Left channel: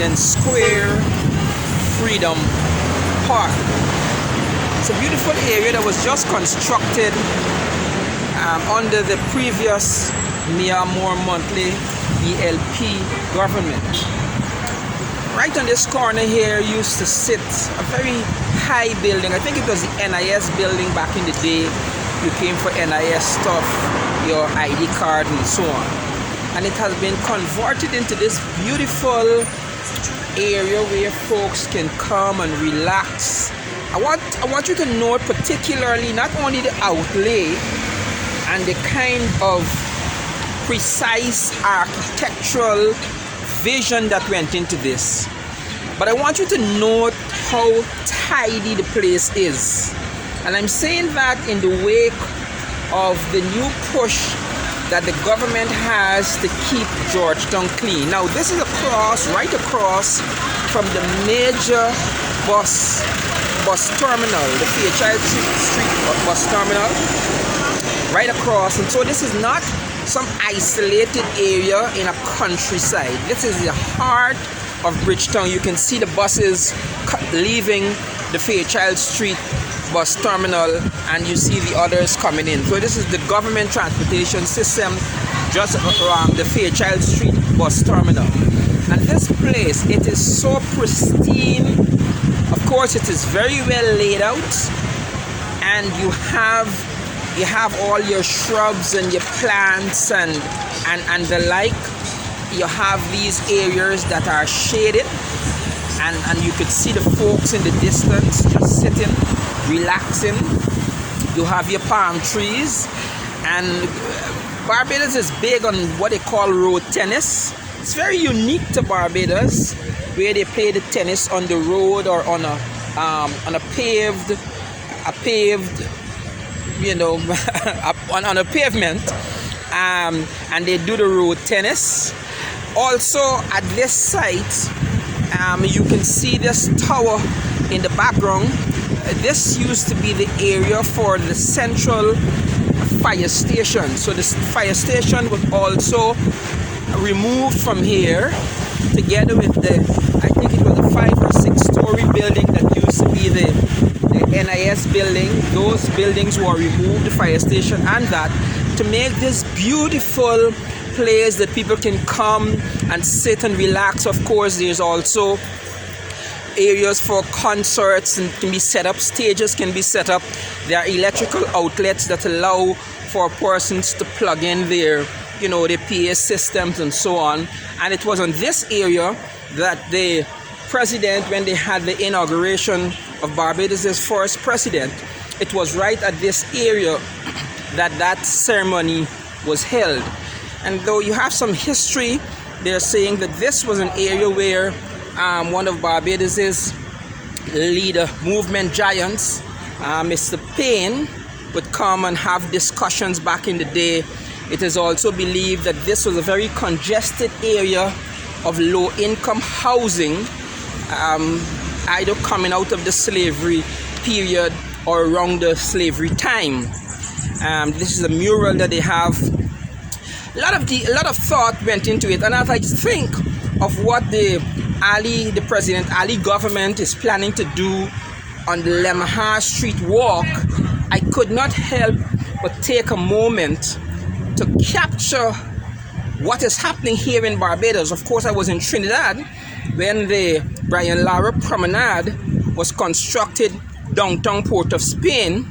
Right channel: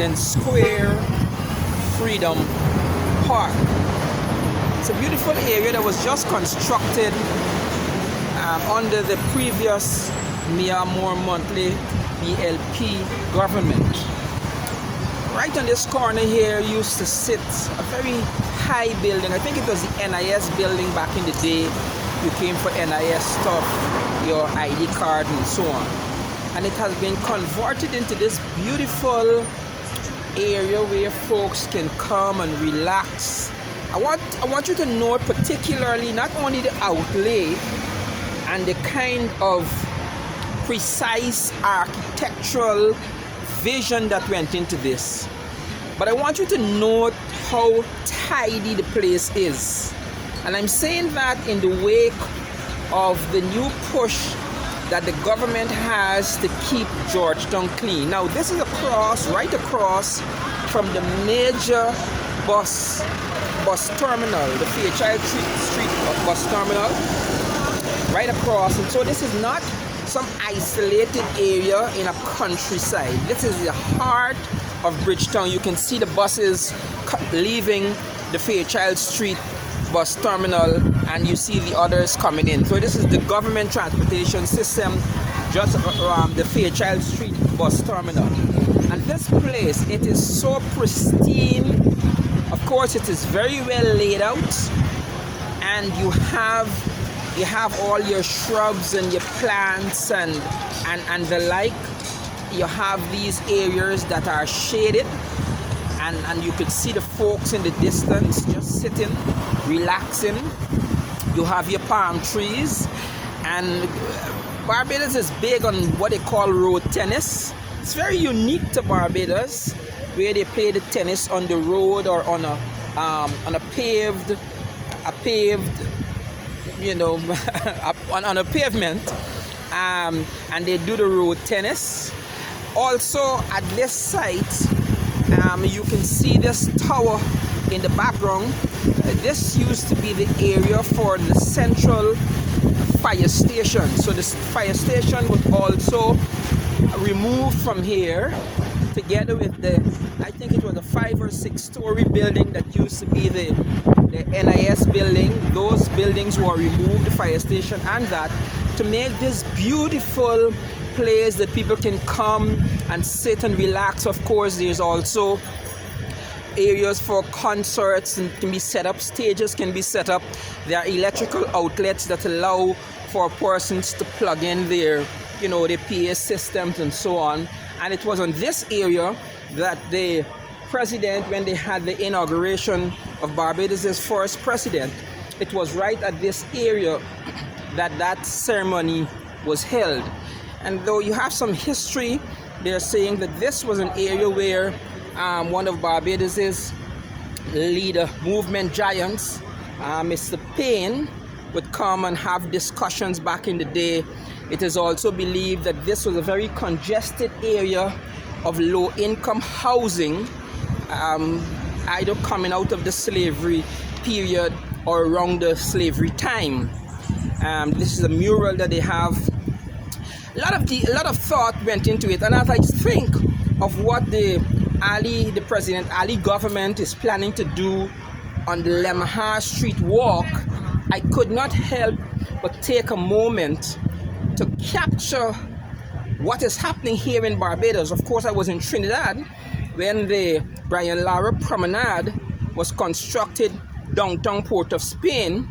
President Square, Freedom Park. It's a beautiful area that was just constructed under the previous Mia Moore Monthly ELP government. Right on this corner here used to sit a very high building. I think it was the NIS building back in the day. You came for NIS stuff, your ID card and so on. And it has been converted into this beautiful area where folks can come and relax. I want you to note particularly not only the outlay and the kind of precise architectural vision that went into this, but I want you to note how tidy the place is. And I'm saying that in the wake of the new push that the government has to keep Georgetown clean. Now this is right across from the major bus terminal, the Child Street bus terminal, right across. And so this is not some isolated area in a countryside. This is the heart of Bridgetown. You can see the buses leaving the Fairchild Street bus terminal, and you see the others coming in. So this is the government transportation system just around the Fairchild Street bus terminal. And this place, it is so pristine. Of course, it is very well laid out, and you have all your shrubs and your plants and the like. You have these areas that are shaded, and you could see the folks in the distance just sitting, relaxing. You have your palm trees, and Barbados is big on what they call road tennis. It's very unique to Barbados, where they play the tennis on the road or on a paved you know, on a pavement, and they do the road tennis. Also at this site, you can see this tower in the background. This used to be the area for the central fire station. So this fire station was also removed from here, together with the, I think it was a 5 or 6 story building that used to be the NIS building. Those buildings were removed, the fire station and that, to make this beautiful place that people can come and sit and relax. Of course, there's also areas for concerts and can be set up, stages can be set up. There are electrical outlets that allow for persons to plug in their, you know, their PA systems and so on. And it was on this area that the president, when they had the inauguration of Barbados' first president, it was right at this area that ceremony was held. And though you have some history, they're saying that this was an area where one of Barbados' leader movement giants, Mr. Payne, would come and have discussions back in the day. It is also believed that this was a very congested area of low-income housing, either coming out of the slavery period or around the slavery time. This is a mural that they have. A lot of thought went into it, and as I think of what the President Ali government is planning to do on the Lemha Street Walk, I could not help but take a moment to capture what is happening here in Barbados. Of course, I was in Trinidad when the Brian Lara Promenade was constructed downtown Port of Spain.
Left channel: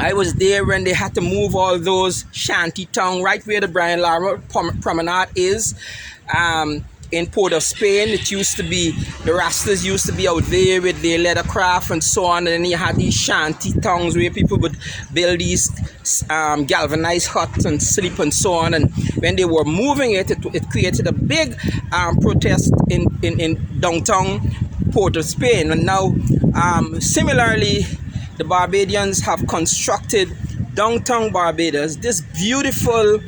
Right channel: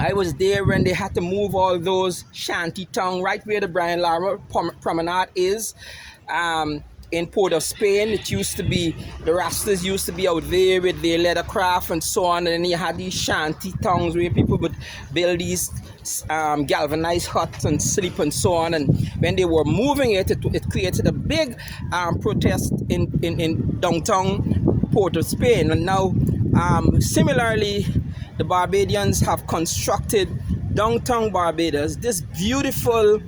I was there when they had to move all those shanty town right where the Brian Lara Promenade is, in Port of Spain. It used to be, the Rastas used to be out there with their leathercraft and so on, and then you had these shanty towns where people would build these galvanized huts and sleep and so on. And when they were moving it created a big protest in downtown Port of Spain. And now similarly, the Barbadians have constructed downtown Barbados, this beautiful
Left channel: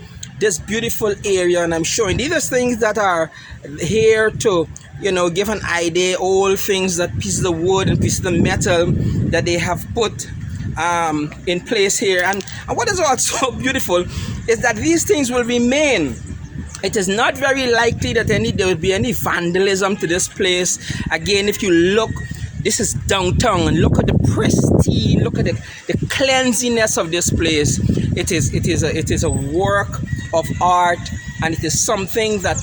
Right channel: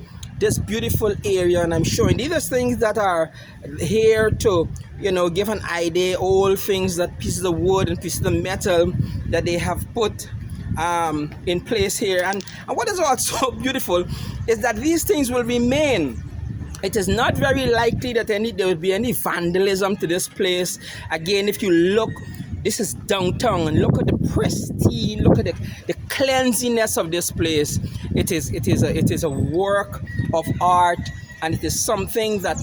area, and I'm showing these are things that are here to, you know, give an idea, all things, that pieces of wood and pieces of metal that they have put in place here. And what is also beautiful is that these things will remain It is not very likely that there will be any vandalism to this place. Again, if you look, this is downtown, and look at the pristine, look at the cleanliness of this place. It is a work of art, and it is something that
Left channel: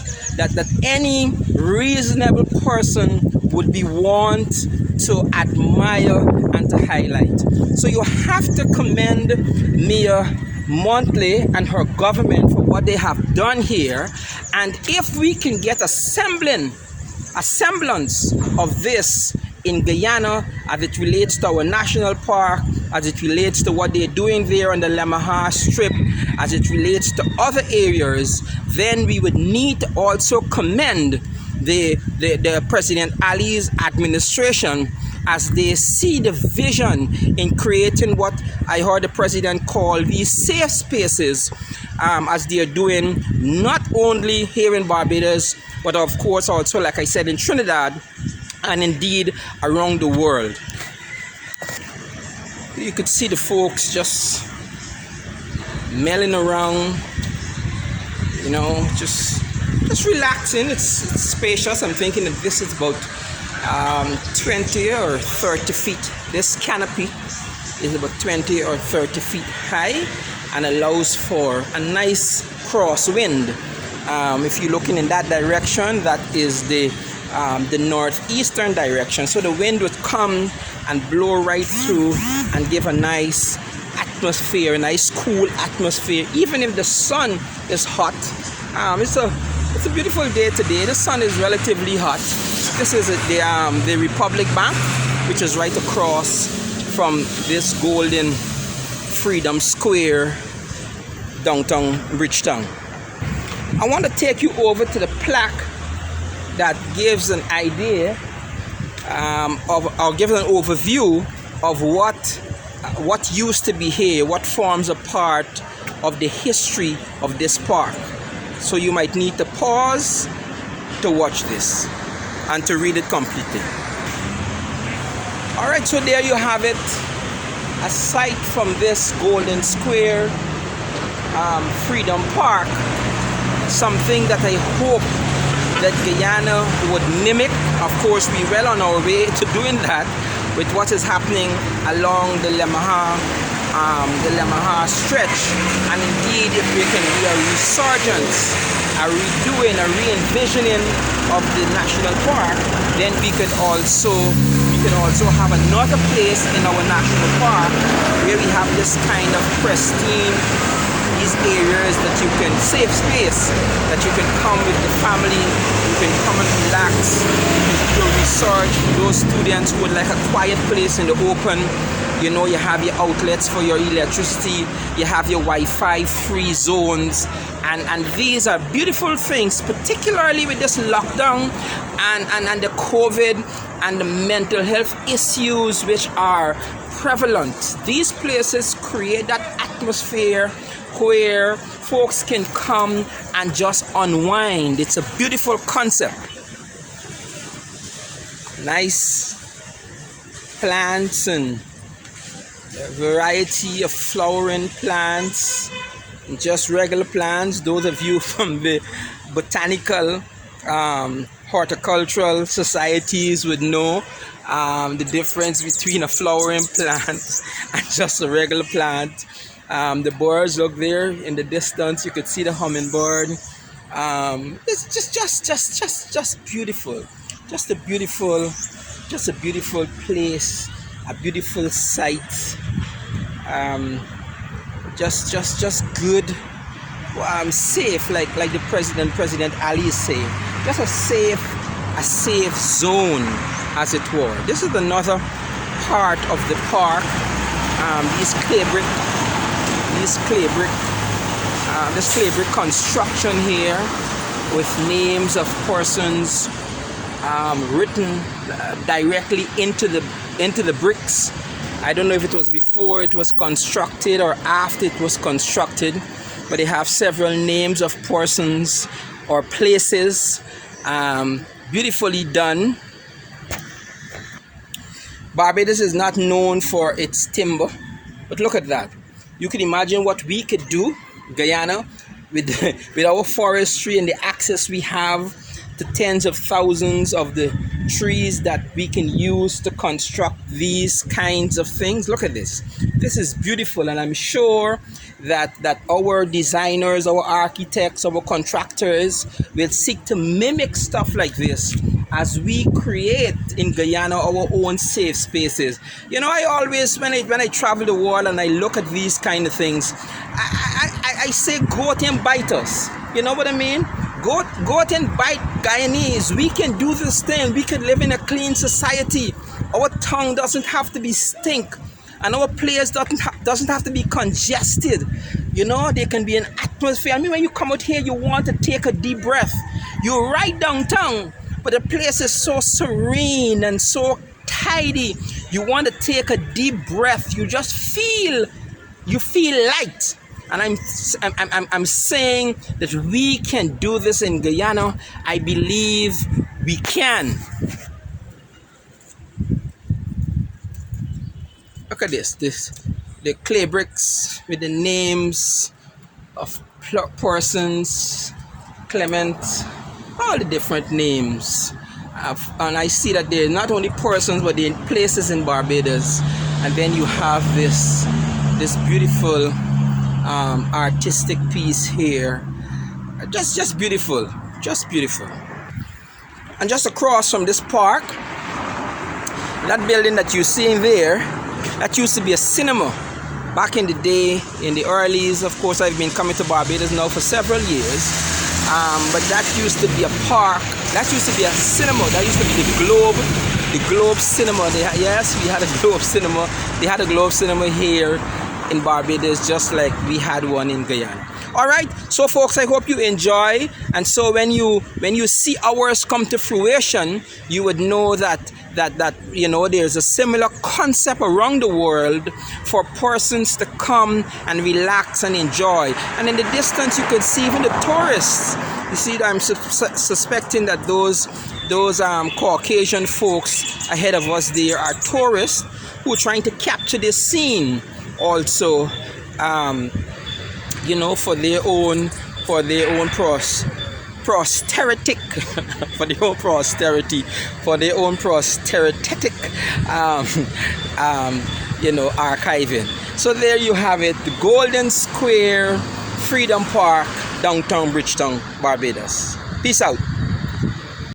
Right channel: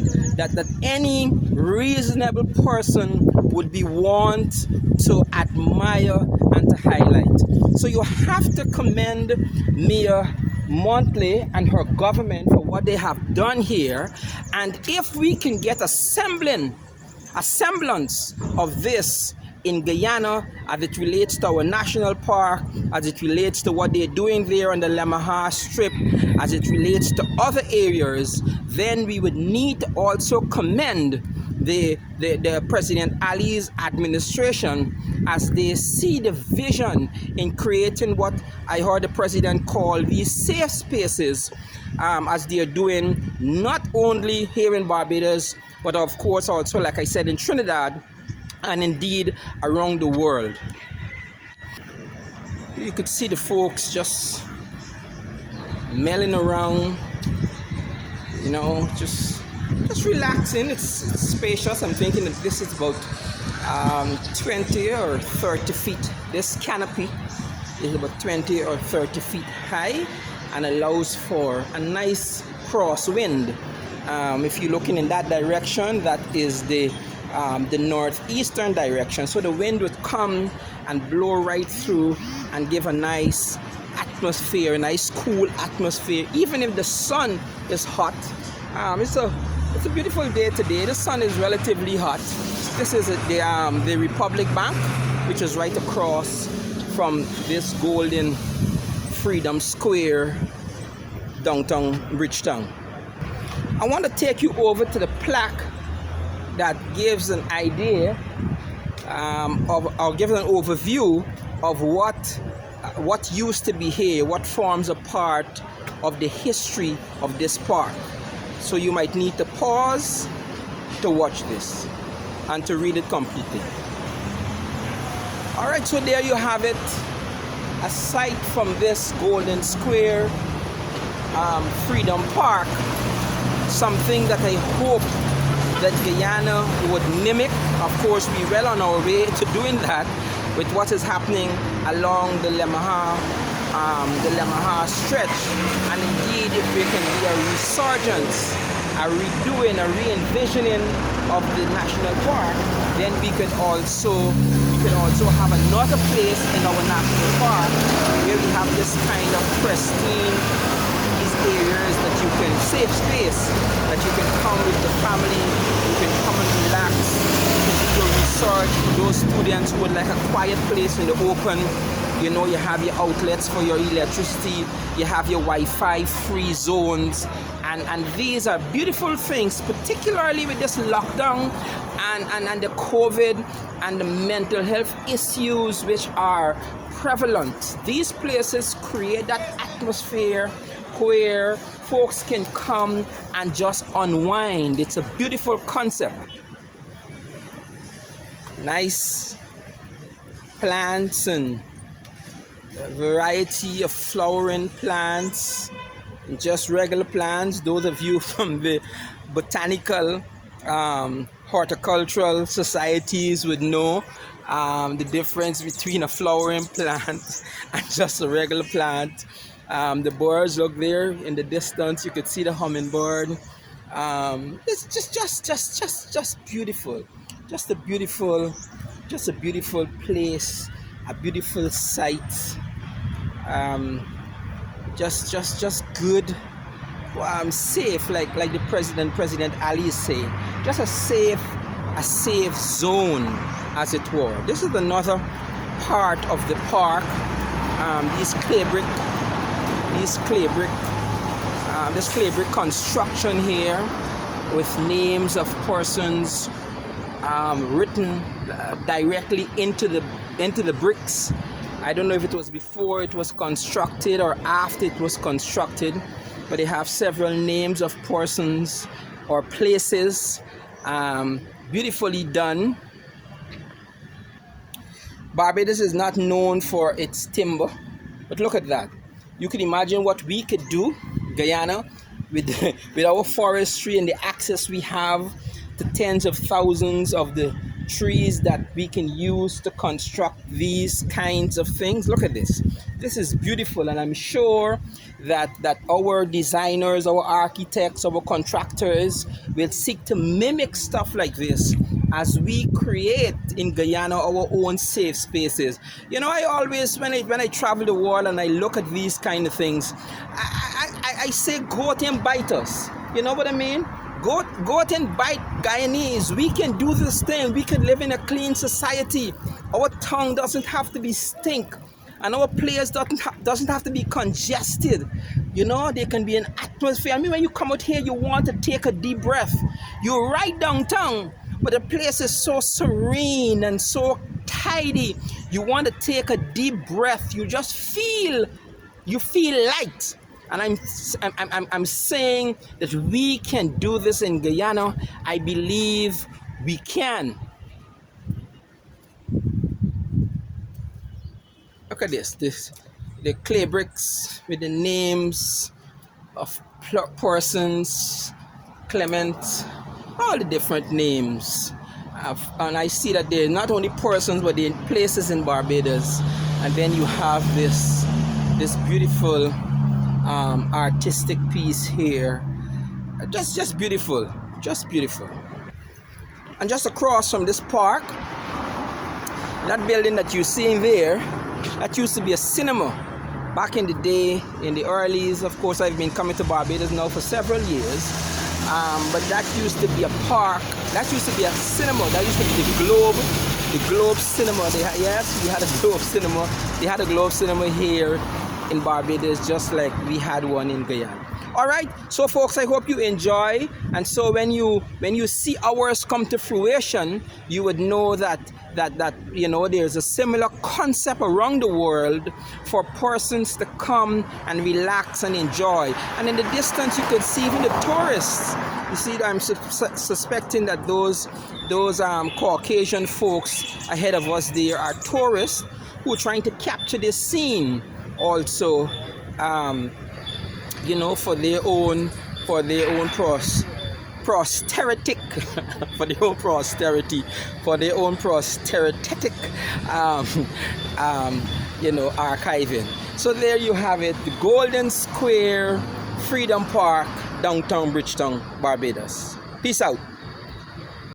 any reasonable person would be want to admire and to highlight. So you have to commend Mayor Montley and her government for what they have done here, and if we can get a semblance of this in Guyana as it relates to our national park, as it relates to what they're doing there on the Lemaha Strip, as it relates to other areas, then we would need to also commend the President Ali's administration as they see the vision in creating what I heard the president call these safe spaces, as they're doing not only here in Barbados, but of course also, like I said, in Trinidad and indeed around the world. You could see the folks just milling around, you know, just relaxing. It's spacious. I'm thinking that this is about 20 or 30 feet. This canopy is about 20 or 30 feet high and allows for a nice crosswind. If you're looking in that direction, that is the northeastern direction. So the wind would come and blow right through and give a nice atmosphere, a nice cool atmosphere, even if the sun is hot. It's a beautiful day today. The sun is relatively hot. This is the Republic Bank, which is right across from this golden Freedom Square, downtown Bridgetown. I want to take you over to the plaque that gives an idea or gives an overview of what used to be here, what forms a part of the history of this park. So you might need to pause to watch this and to read it completely. All right, so there you have it. Aside from this Golden Square Freedom Park, something that I hope that Guyana would mimic. Of course, we're well on our way to doing that with what is happening along the Lemaha stretch. And indeed, if we can do a resurgence, a redoing, a re-envisioning of the national park, then we can also have another place in our national park where we have this kind of pristine, these areas that you can, safe space, that you can come with the family, you can come and relax, you can do your research. For those students who would like a quiet place in the open, you know, you have your outlets for your electricity, you have your Wi-Fi free zones, and these are beautiful things, particularly with this lockdown and the COVID and the mental health issues which are prevalent. These places create that atmosphere where folks can come and just unwind. It's a beautiful concept. Nice plants and variety of flowering plants, just regular plants. Those of you from the botanical horticultural societies would know the difference between a flowering plant and just a regular plant. The birds, look there in the distance, you could see the hummingbird. It's just beautiful. Just a beautiful place, a beautiful sight. Just good, safe, like the President Ali is saying. Just a safe zone, as it were. This is another part of the park. This clay brick construction here with names of persons written directly into the bricks. I don't know if it was before it was constructed or after it was constructed, but they have several names of persons or places, beautifully done. Barbados is not known for its timber, but look at that. You can imagine what we could do, Guyana, with with our forestry and the access we have to tens of thousands of the trees that we can use to construct these kinds of things. Look at this. This is beautiful, and I'm sure that our designers, our architects, our contractors will seek to mimic stuff like this as we create in Guyana our own safe spaces. You know, I always, when I travel the world and I look at these kind of things, I say go out and bite us. You know what I mean? Go out and bite Guyanese. We can do this thing. We can live in a clean society. Our tongue doesn't have to be stink, and our place doesn't have to be congested. You know, there can be an atmosphere. I mean, when you come out here, you want to take a deep breath. You're right downtown, but the place is so serene and so tidy. You want to take a deep breath. You just feel light. And I'm saying that we can do this in Guyana. I believe we can. Look at this. The clay bricks with the names of persons, Clement, all the different names. And I see that they're not only persons, but they're in places in Barbados. And then you have this beautiful artistic piece here. Just beautiful. Just beautiful. And just across from this park, that building that you're seeing there, that used to be a cinema back in the day, in the earlys. Of course, I've been coming to Barbados now for several years, but that used to be a park. That used to be a cinema. That used to be the Globe Cinema. Yes, we had a Globe Cinema. They had a Globe Cinema here in Barbados, just like we had one in Guyana. All right, so folks, I hope you enjoy. And so when you see ours come to fruition, you would know that you know, there's a similar concept around the world for persons to come and relax and enjoy. And in the distance, you could see even the tourists. You see, I'm suspecting that those Caucasian folks ahead of us there are tourists who are trying to capture this scene also, you know, for their own posterity, you know, archiving. So there you have it, the Golden Square Freedom Park, downtown Bridgetown, Barbados. Peace out.